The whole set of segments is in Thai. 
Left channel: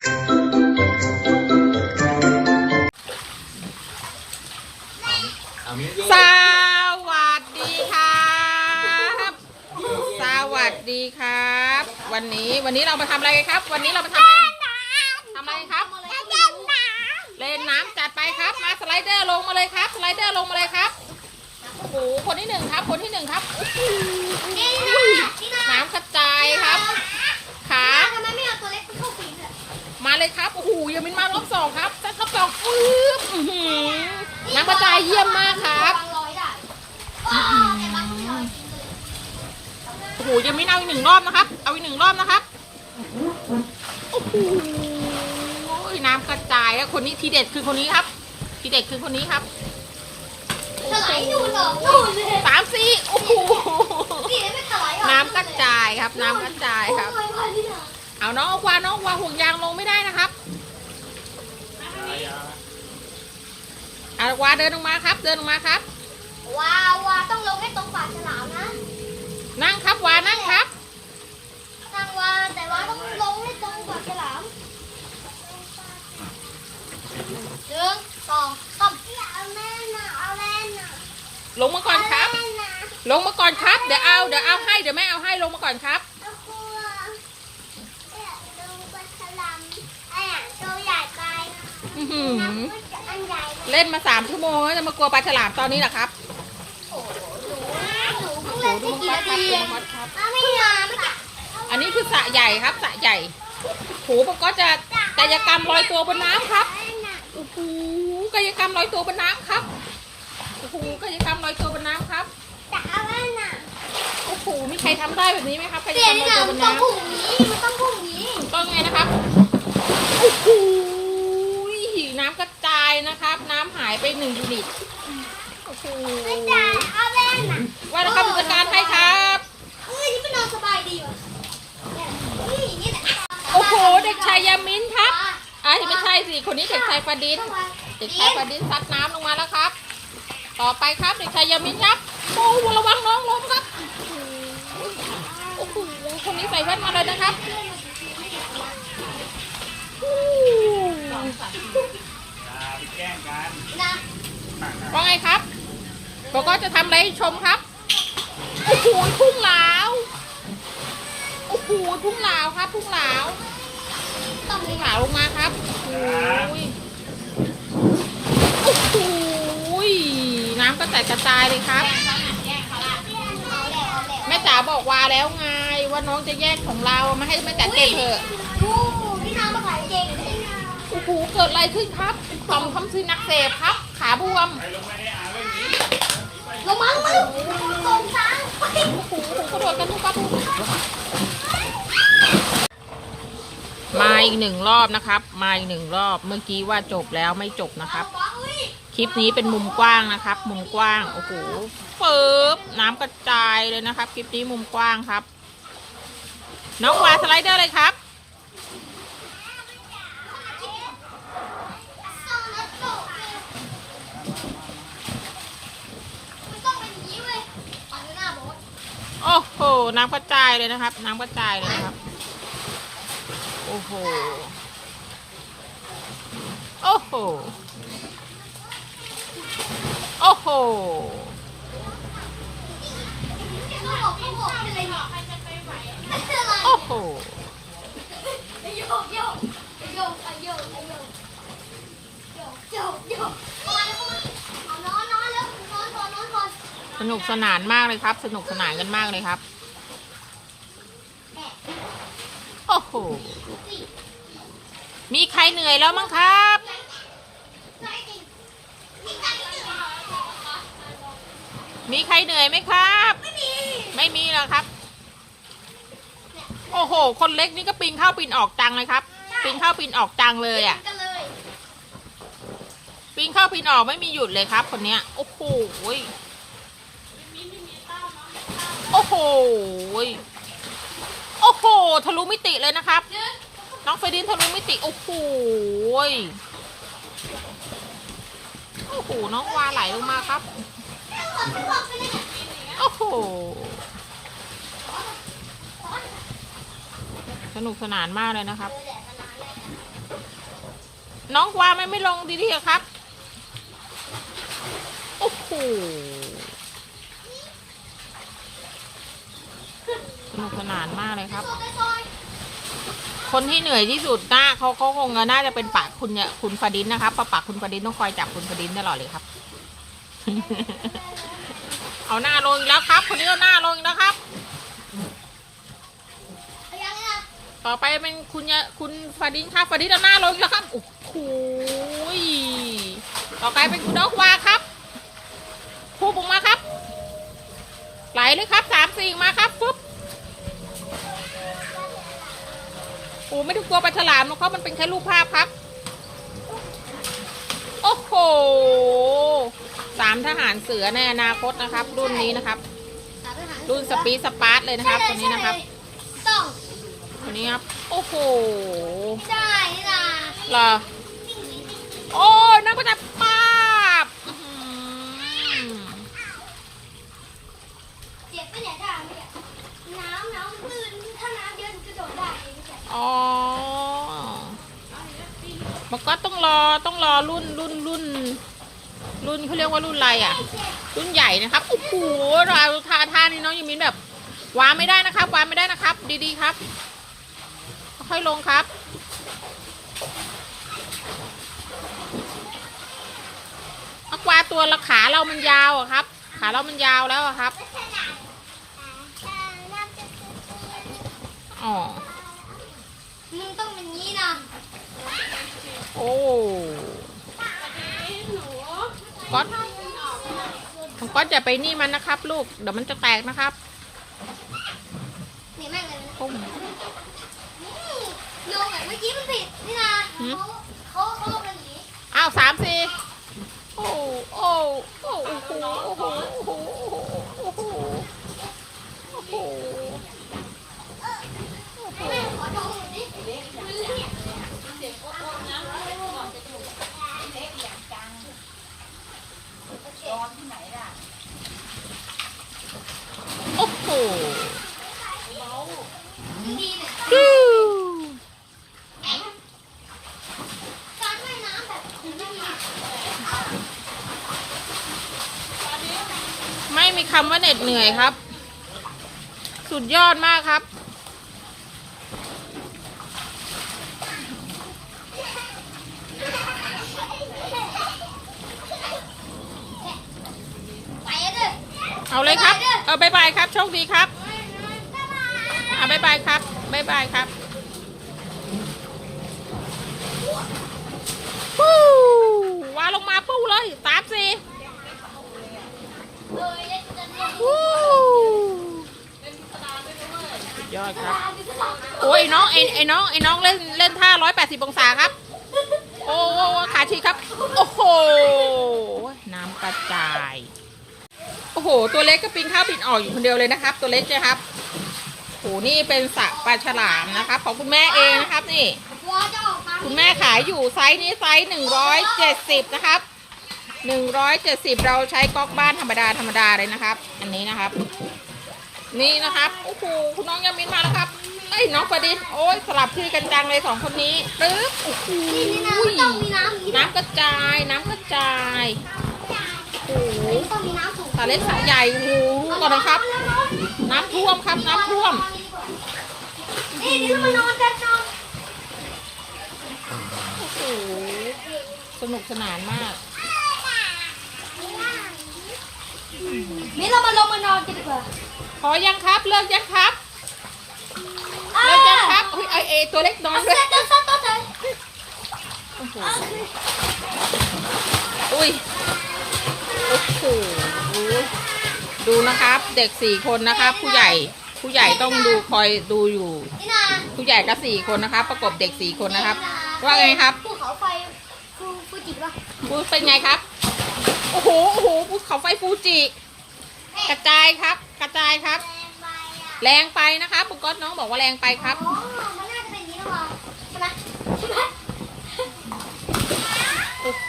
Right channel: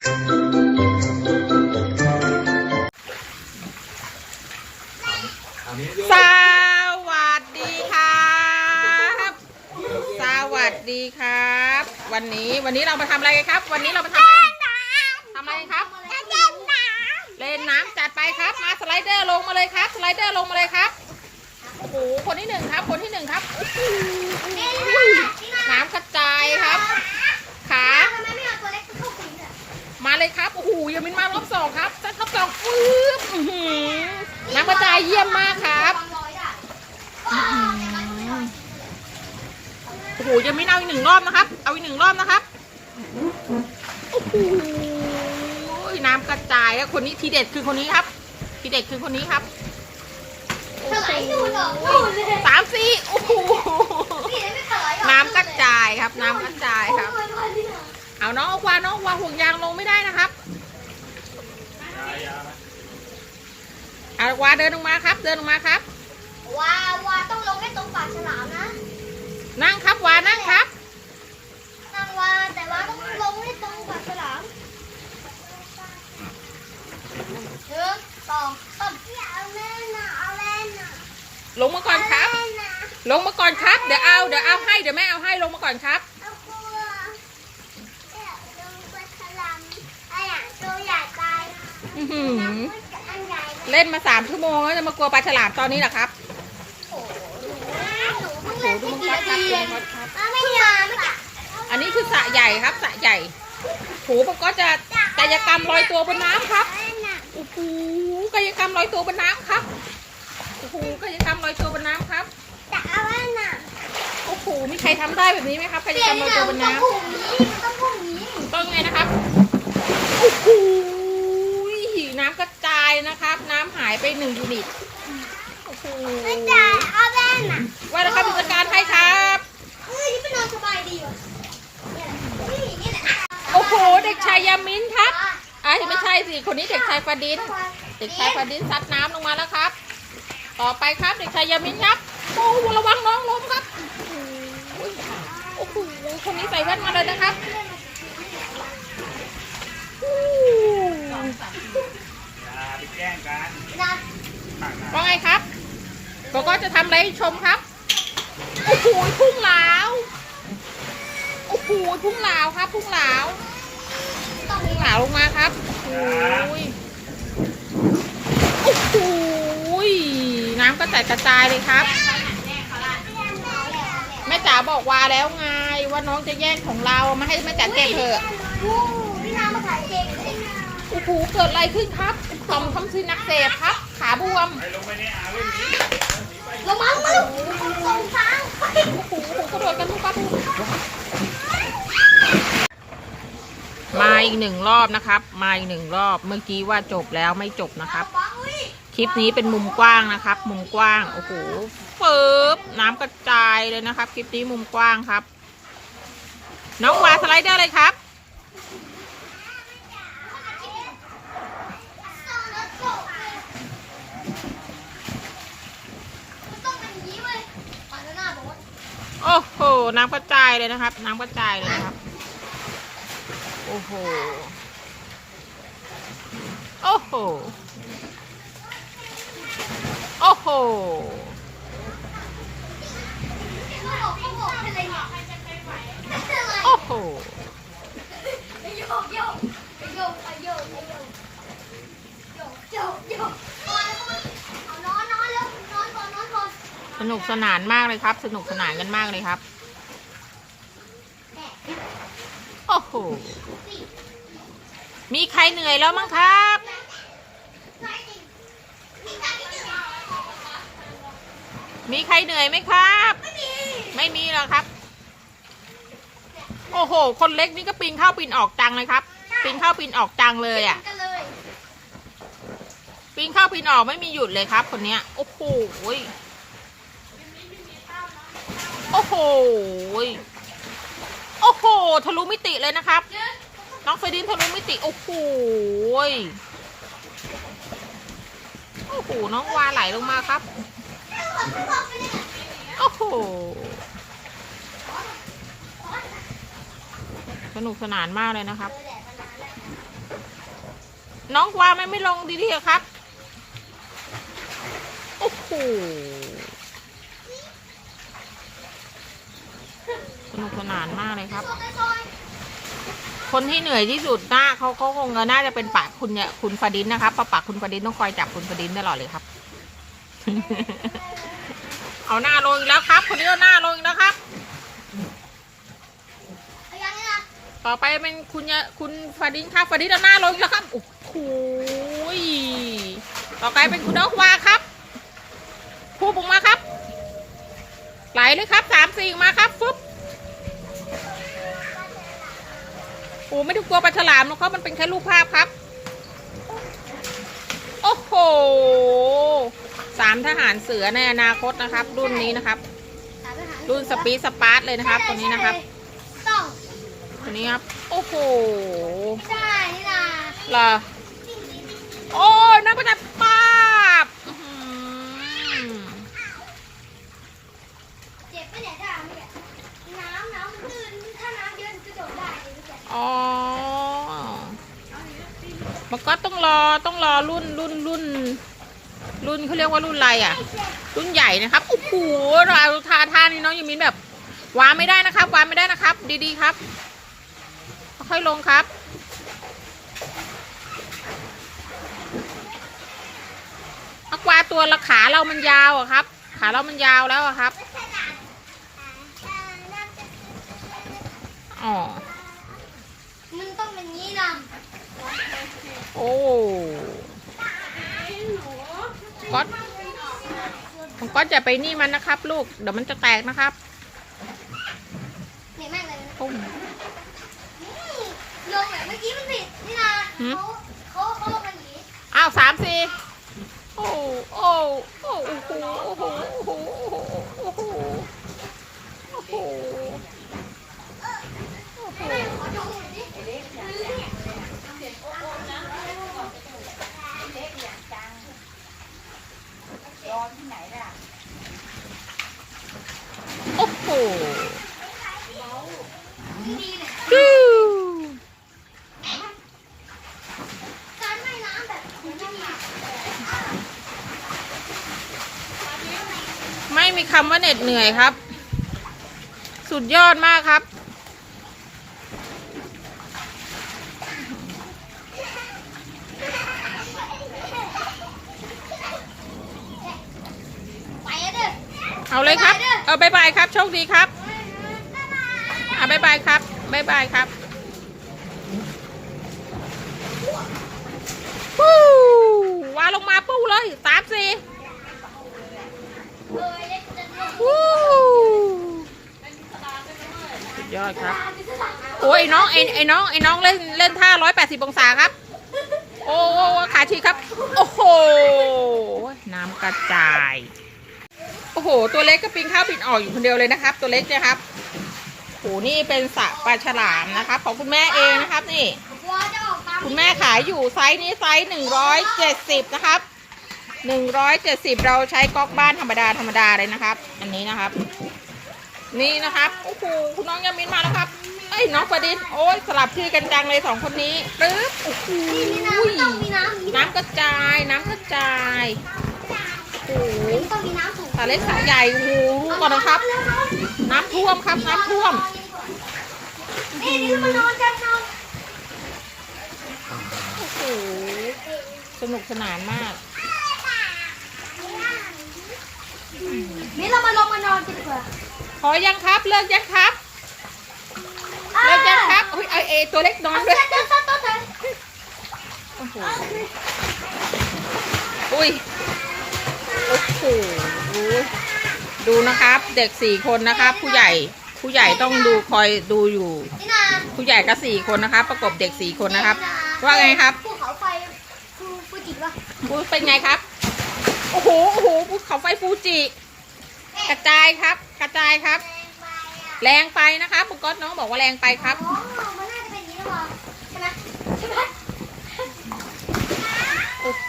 สวัสดีครับ สวัสดีครับ วันนี้วันนี้เรามาทำอะไรกันครับ วันนี้เรามาทำอะไรทำอะไรกันครับ เล่นน้ำจัดไปครับ มาสไลเดอร์ลงมาเลยครับ สไลเดอร์ลงมาเลยครับ โอ้โห คนที่หนึ่งครับ คนที่หนึ่งครับ น้ำกระจายครับ ขา เลยครับ โอ้โหยังมินมารอบสองครับจะรอบสองปึ๊บอื้อหือน้ำกระจายเยี่ยมมากครับวางร้อยได้โอ้โหยังไม่เอาอีกหนึ่งรอบนะครับ เอาอีกหนึ่งรอบนะครับโอ้โหน้ำกระจายแล้วคนนี้ทีเด็ดคือคนนี้ครับ ทีเด็ดคือคนนี้ครับโอ้ถโหลายดูดอกดูเลยสามสี่โอ้โหนี่ไม่ถลายน้ำกระจายครับ น้ำกระจายครับเอาน้องเอาควาน้องเอาควาห่วงยางลงไม่ได้นะครับเอาควาเดินลงมาครับ เดินลงมาครับว้าวว้าต้องลงให้ตรงปากฉลามนะนั่งครับวานั่งครับ ทางวาแต่ว่าต้องลงให้ตรงปากฉลามหนึ่งสองสามเอาแม่น่ะเอาแม่น่ะลงมาก่อนครับแม่น่ะลงมาก่อนครับ เดี๋ยวเอา เดี๋ยวเอาให้ เดี๋ยวแม่เอาให้ลงมาก่อนครับ เอากลัวเนี่ยลงปากฉลามไอ้อะตัวใหญ่ไป อื้อ หือน้ำมันจะอันใหญ่เล่นมาสามชั่วโมงแล้วจะมากลัวปลาฉลามตอนนี้เหรอครับโอ้โหหนูโอ้เพิ่งโหเล่นดูได้มังกี่กรนาครับทีดูเองมังกรครับ เพิ่งมาไม่กี่อันนี้คือสระใหญ่ครับสระใหญ่โหมันก็จะกายกรรมลอยตัวบนน้ำครับ โอ้โหกายกรรมลอยตัวบนน้ำครับ โอ้โหกายกรรมลอยตัวบนน้ำครับแต่เอาแม่น่ะโอ้โห มีใครทำได้แบบนี้ไหมครับกายเปลี่กยรนรมลอยหตัวนังบนต้องน้ำผูกนี้ต้องผูกนี้ต้องไงนะครับ โอ้โหน้ำกระ จายนะครับ น้ำหายไปหนึ่งยูนิตโอ้โหแต่เอาแม่น่ะว่าแล้วครับจัดการให้ครับเฮ้ยนี่เป็นนอนสบายดีว่ะนี่อย่างนี้แหละโอ้โห เด็กชายยามินครับอะไม่ใช่สิ คนนี้เด็กชายฟาดิน เด็กชายฟาดินซัดน้ำลงมาแล้วครับ ต่อไปครับเด็กชายยามินครับโอ้โหระวังน้องล้มครับโอ้โหคนนี้ใส่แว่นมาเลยนะครับโอ้โหอย่า ไปแกล้งกันนะปากหนาว่าไงครับบอกก็จะทำอะไรให้ชมครับ โอ้โหพุ่งเหลาโอ้โหพุ่งเหลาครับ พุ่งเหลาต้องมีพุ่งเหลาลงมาครับ โอ้ยโอ้โหน้ำก็แตกกระจายเลยครับ แม่จ๋าบอกว่าแล้วไงว่าน้องจะแย่งของเรามาให้แม่จ๋าเก็บเถอะ หเกิดอะไรขึ้นครับต่อมคำซีนักเสพครับ ขาบวมลงไปในอ่าล่นนี้ลงมาลงมาลงตรงช้างไปโอ้โหกระโดดกันทุกครับมาอีกหนึ่งรอบนะครับ มาอีกหนึ่งรอบเมื่อกี้ว่าจบแล้วไม่จบนะครับ คลิปนี้เป็นมุมกว้างนะครับ มุมกว้างโอ้โหเฟิบน้ำกระจายเลยนะครับ คลิปนี้มุมกว้างครับ น้องวาสไลเดอร์เลยครับ ต้องเป็นอย่างนี้เว้ยปาดหน้าบอส โอ้โห น้ำกระจายเลยนะครับ น้ำกระจายเลยนะครับ โอ้โห โอ้โห โอ้โห โอ้โห นุกสนานมากเลยครับ สนุกสนานกันมากเลยครับ โอ้โห มีใครเหนื่อยแล้วมั้งครับ มีใครเหนื่อยไหมครับ ไม่มีหรอครับ โอ้โห คนเล็กนี่ก็ปีนเข้าปีนออกจังเลยครับ ปีนเข้าปีนออกจังเลยอะกันเลยปีนเข้าปีนออกไม่มีหยุดเลยครับ คนเนี้ย โอ้โหย โอ้โห โอ้โห ทะลุมิติเลยนะครับ น้องเฟรดินทะลุมิติ โอ้โห โอ้โห น้องวาไหลลงมาครับ โอ้โห สนุกสนานมากเลยนะครับ น้องวาไม่ไม่ลงดีๆครับ โอ้โห นุกสนานมากเลยครับซอยซอยคนที่เหนื่อยที่สุดน่าเขาเขาคงจะน่าจะเป็นปากคุณเนี่ยคุณฟาดินนะครับเพราะปากคุณฟาดินต้องคอยจับคุณฟาดินตลอดเลยครับ เอาหน้าลงอีกแล้วครับ คนนี้เอาหน้าลงอีกแล้วครับเอายังไงนะต่อไปเป็นคุณยะคุณฟาดินครับฟาดินเอาหน้าลงอีกแล้วครับโอ้โหยต่อไปเป็นคุณนกวาครับพูบุกมาครับ ไหลเลยครับสามสี่มาครับฟึบ โอ้ไม่ต้องกลัวปลาฉลามนะครับมันเป็นแค่รูปภาพครับ โอ้โหสามทหารเสือในอนาคตนะครับ รุ่นนี้นะครับสามทหารรุ่นสปีดสปาร์ตเลยนะครับคนนี้นะครับต้องคนนี้ครับ โอ้โหใช่นี่นะเหรอโอ้ยน้ำก็จะปาบอื้อหือ เจ็บไปไหนได้เนี่ยน้ำน้ำตื้นถ้าน้ำเยอะกระโดดได้อ๋อมันก็ต้องรอต้องรอรุ่นรุ่นรุ่น รุ่นเขาเรียกว่ารุ่นอะไรอะ รุ่นใหญ่นะครับโอ้โหเราทาท่านี่น้องยมินแบบวางไม่ได้นะครับวางไม่ได้นะครับ ดีๆครับ ค่อยลงครับอากวาตัวละขาเรามันยาวอะครับ ขาเรามันยาวแล้วอะครับ อ๋อ มันต้องเป็นงี้นะโอ้ก๊อตของก๊อตอย่าไปนี่มันนะครับ ลูก เดี๋ยวมันจะแตกนะครับเนี่ยแม่งเลยนะปุ้มลงแบบเมื่อกี้มันผิดนี่นะหืม เขาเขาเขาลงกันอย่างนี้อ้าวสามสี่โอ้โอ้โอ้โอ้โหโอ้โหโอ้โหโอ้โหโอ้โหแม่ขอดูหน่อยดิ โอ้โหไม่มีคำว่าเหน็ดเหนื่อยครับ สุดยอดมากครับ ไปอะเด้อ เอาเลยครับ เอายครับ โชคดีครับอะบายบายครับบ๊ายบายครับปู้วางลงมาปู้เลยสามสี่ปูยอดครับ โอ้ยน้องไอ้ไอ้น้องไอ้น้องเล่นเล่นท่าร้อยแปดสิบองศาครับ โอ้ขาชีครับ โอ้โห น้ำกระจาย โอ้โห ตัวเล็กก็ปีนเข้าปีนออกอยู่คนเดียวเลยนะครับ ตัวเล็กนะครับโอ้โหนี่เป็นสระปลาฉลามนะครับของคุณแม่เองนะครับนี่วัวจะออกตามคุณแม่ขายอยู่ไซส์นี้ไซส์หนึ่งร้อยเจ็ดสิบนะครับหนึ่งร้อยเจ็ดสิบเราใช้ก๊อกบ้านธรรมดาธรรมดาเลยนะครับ อันนี้นะครับ นี่นะครับโอ้โหคุณน้องยามินมาแล้วครับไอ้ยน้องประดิษฐ์โอ้ยสลับที่กันจังเลยสองคนนี้ปึ๊บโอ้โหนี่น้ำต้องมีน้ำอย่างนี้น้ำกระจายน้ำกระจาย สูงสาเล็กสาใหญ่โอ้โหดูก่อนนะครับ น้ำท่วมครับ น้ำท่วมนี่นี่เรามานอนกันนอนโอ้โหสนุกสนานมากนี่เรามาลงมานอนกันดีกว่าพอยังครับ เลิกยังครับเลิกยังครับอุ้ยไอเอตัวเล็กนอนเอาด้วยเส้นเดินซัดตัวเธอโอ้โหอุ้ยโอ้โห ดูนะครับ เด็กสี่คนนะครับ ผู้ใหญ่ผู้ใหญ่ต้องดูคอยดูอยู่นี่นาผู้ใหญ่ก็สี่คนนะครับ ประกบเด็กสี่คนนะครับ ว่าไงครับภูเขาไฟฟูฟูจิปะพูดเป็นไงครับ โอ้โหโอ้โหภูเขาไฟฟูจิ กระจายครับ กระจายครับ แรงไปอะแรงไปนะครับคุณก๊อตน้องบอกว่าแรงไปครับอ๋อมันน่าจะเป็นอย่างนี้หรอใช่ไหมใช่ไหมโอ้โห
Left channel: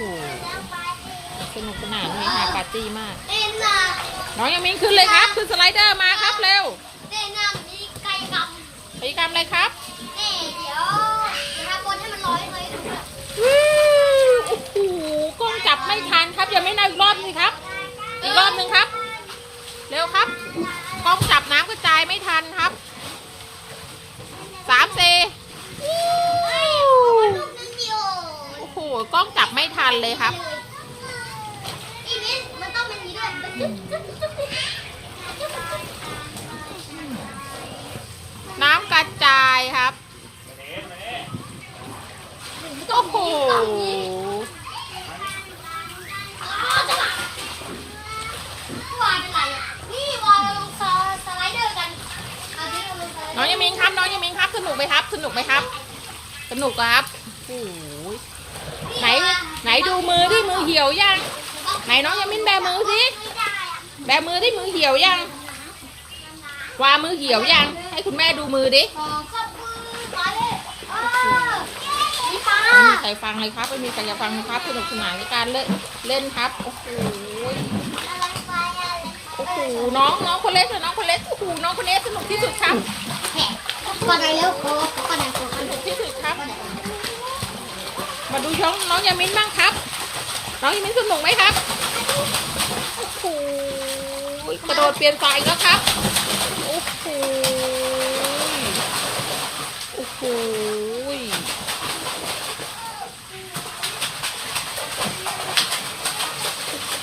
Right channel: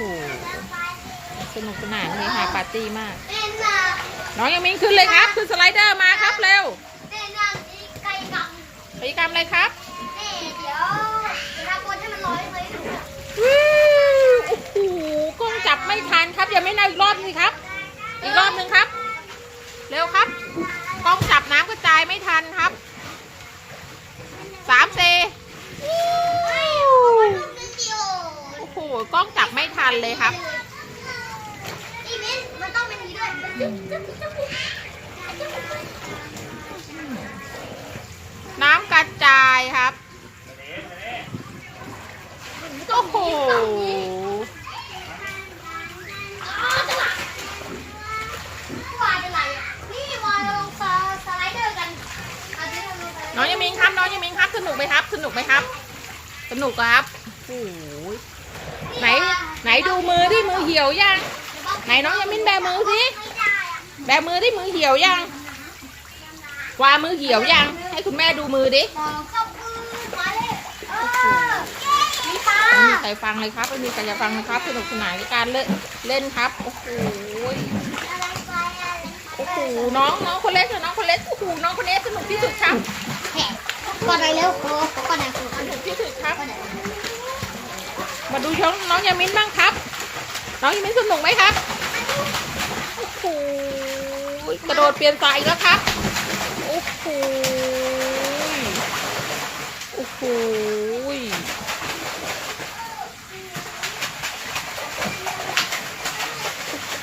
สนุกสนานเลยค่ะปาร์ตี้มากเต้นนะน้องยังมิงขึ้นเลยครับ ขึ้นสไลเดอร์มาครับเร็วเต้นอย่างนี้ไกลกับกิจกรรมอะไรครับนี่เดี๋ยวจะทำบนให้มันลอยเลยวิวอีกรอบสิครับ อีกรอบหนึ่งครับ เร็วครับ กล้องจับน้ำกระจายไม่ทันครับสามสี่ลูกนึงเดียวโอ้โห กล้องจับไม่ทันเลยครับ อีมิ้นมันต้องเป็นอย่าง น้ำกระจายครับ โอ้โหวายเป็นไรอะนี่วายเราลงสไลเดอร์กันเอาที่เราลงสไลเดอร์น้องยามินครับ น้องยามินครับ สนุกไหมครับ สนุกไหมครับ สนุกครับโอ้โหไหน ไหนดูมือที่มือเหี่ยวยัง ไหนน้องยามินแบมือสิ แบมือที่มือเหี่ยวยังวามือเหี่ยวยัง ให้คุณแม่ดูมือดิสองสามมือมาเลยเออมีตาไม่มีใครฟังเลยครับไม่มีใครจะฟังนะครับสนุกสนานกับการเล่นเล่นครับโอ้โหอะไรไปอะไรโอ้โหน้องน้องคนเล็กเลยน้องคนเล็กโอ้โหน้องคนนี้สนุกที่สุดครับแหกก่อนไหนเร็วโอ้ก่อนไหนก่อนไหนสนุกที่สุดครับก่อนไหนมาดูช่องน้องยามินบ้างครับ น้องยามินสนุกไหมครับ โอ้โหกระโดดเปลี่ยนสายอีกแล้วครับโอ้โหโอ้โห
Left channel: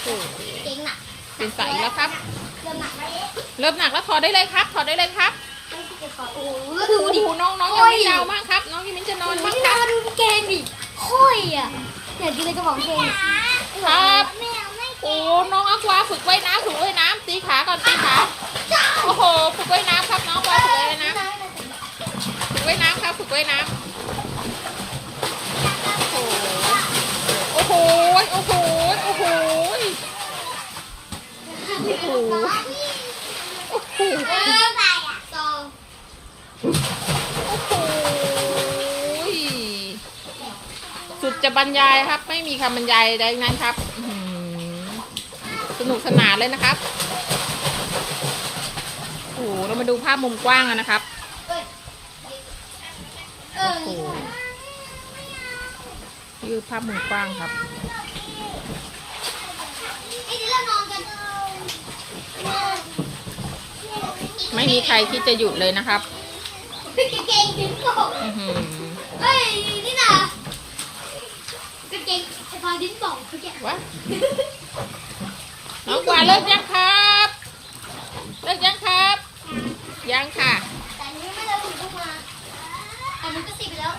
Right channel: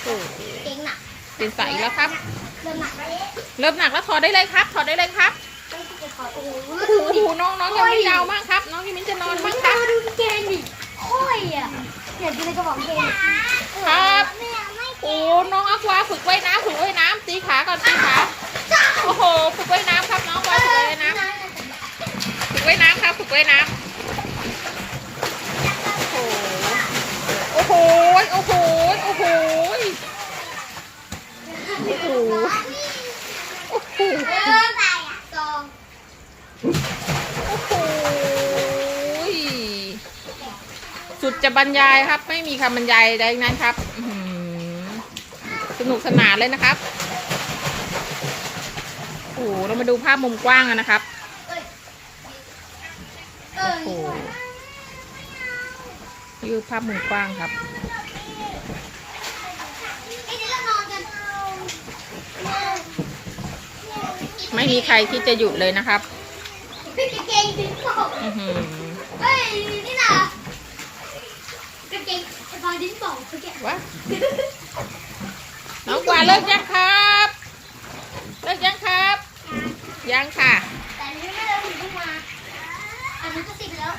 โอ้โหเก่งหนักเปลี่ยนสายอีกแล้วครับ เริ่มหนักแล้วเริ่มหนักแล้วถอดได้เลยครับถอดได้เลยครับต้องติดต่อโอ้โหโอ้โหน้องน้องยังไม่ยาวมากครับ น้องยังไม่จะนอนมัมานกคน่ารับดูเก่งดิค่อยอะเดี๋ยวกินเลยกระบอกเก่งครับไม่เอาไม่ โอ้น้องอควาฝึกว่ายน้ำฝึกว่ายน้ำตีขาก่อนตีขาโอ้โหฝึกว่ายน้ำครับน้องอควาฝึกว่ายน้ำฝึกว่ายน้ำครับฝึกว่ายน้ำโอ้โหโอ้โหโอ้โหโอ้โหโอ้โหสุดจะบรรยายครับ ไม่มีคำบรรยายใดนั้นครับ สนุกสนานเลยนะครับโอ้โหเรามาดูภาพมุมกว้างกันนะครับเอ้ยเออโอ้โหนี่คือภาพมุมกว้างครับนี่เดี๋ยวเรานอนกันไม่มีใครที่จะหยุดเลยนะครับพี่เก่งถึงบอกอื้อหือเฮ้ยนี่นะกางเกงไอ้บอยดิ้นบอกเขาแกวะ น้องกวาดเลิกยังครับ เลิกยังครับ ยังค่ะ แต่อันนี้ไม่ได้ถึงต้องมาอันนี้ก็สิบไปแล้ว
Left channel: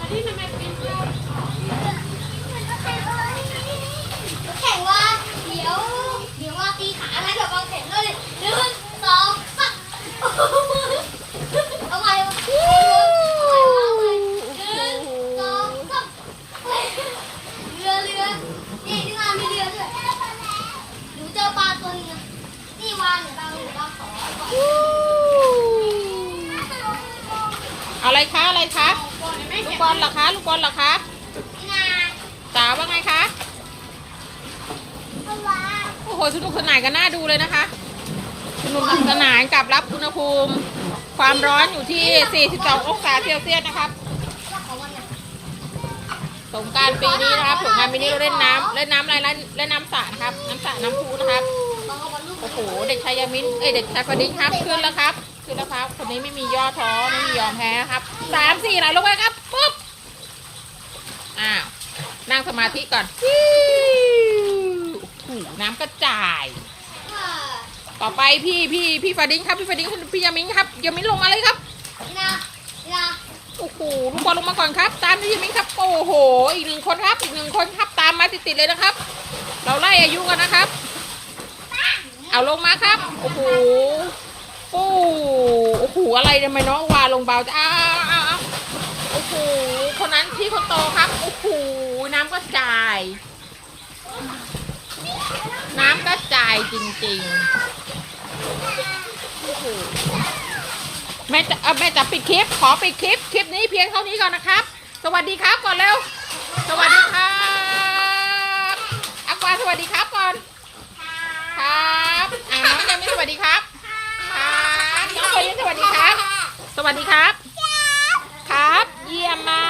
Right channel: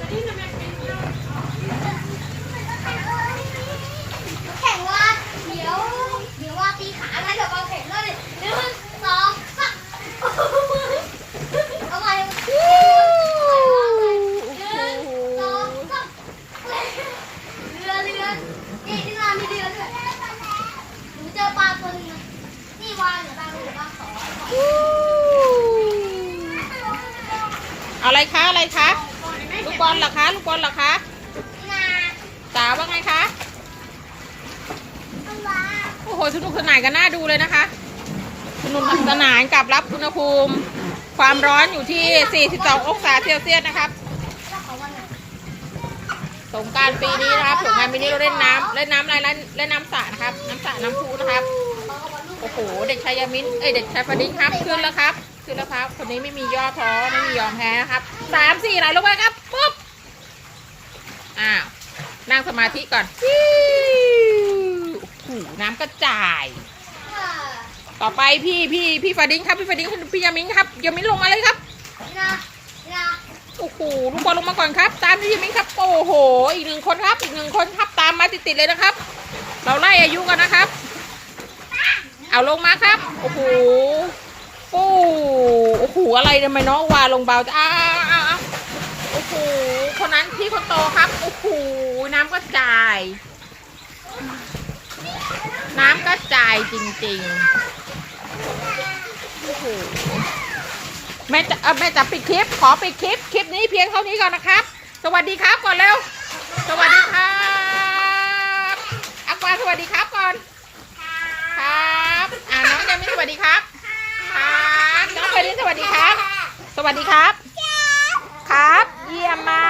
อันนี้ทำไมเป็นเยอะแข่งว่าเดี๋ยว เดี๋ยวว่าตีขาแล้วเดี๋ยววางแผนเลยหนึ่งสองสามเอาไงหนึ่งสองสามเรือเรือนี่ที่มามีเรือด้วยหนูเจอปลาตัวนึงนี่วานหรือปลาหรือปลาขอ เอาอะไรคะ อะไรคะ ลูกบอลเหรอคะ ลูกบอลเหรอคะ นา จ๋าว่าไงคะ ปลา โอ้โห สนุกสนานกันน่าดูเลยนะคะ สนุกสนานกับรับอุณหภูมิ ความร้อนอยู่ที่ 42 องศาเซลเซียสนะครับสงการปีนี้นะครับสงการปีนี้เราเล่นน้ำเล่นน้ำอะไรเล่นเล่นน้ำสระนะครับ น้ำสระน้ำพุนะครับโอ้โหเด็กชายยามินเอ้ยเด็กชายฟดินครับขึ้นแล้วครับขึ้นแล้วครับ คนนี้ไม่มีย่อท้อไม่มียอมแพ้นะครับสามสี่ไหลลงไปครับปุ๊บอ้าวนั่งสมาธิก่อนโอ้โหน้ำกระจาย ต่อไปพี่พี่พี่ฟาดินครับพี่ฟาดินพี่ยามินครับยามินลงมาเลยครับนี่นะนี่นะโอ้โหลุงบอลลงมาก่อนครับ ตามที่ยามินครับโอ้โหอีกหนึ่งคนครับอีกหนึ่งคนครับตามมาติดๆเลยนะครับ เราไล่อายุกันนะครับ เอาลงมาครับโอ้โหโอ้โอ้โหอะไรทำไมน้องวาลงเบาจะอ้าวอ้าวอ้าวโอ้โหคนนั้นพี่คนโตครับโอ้โหน้ำกระจาย น้ำกระจายจริงๆโอ้โห แม่จะเอาแม่จะปิดคลิป ขอปิดคลิป คลิปนี้เพียงเท่านี้ก่อนนะครับ สวัสดีครับก่อนเร็ว สวัสดีครับอากวาสวัสดีครับก่อน ครับอ่าน้องยังไม่สวัสดีครับครับน้องเฟรนนี่สวัสดีครับ สวัสดีครับ ครับ เยี่ยมมา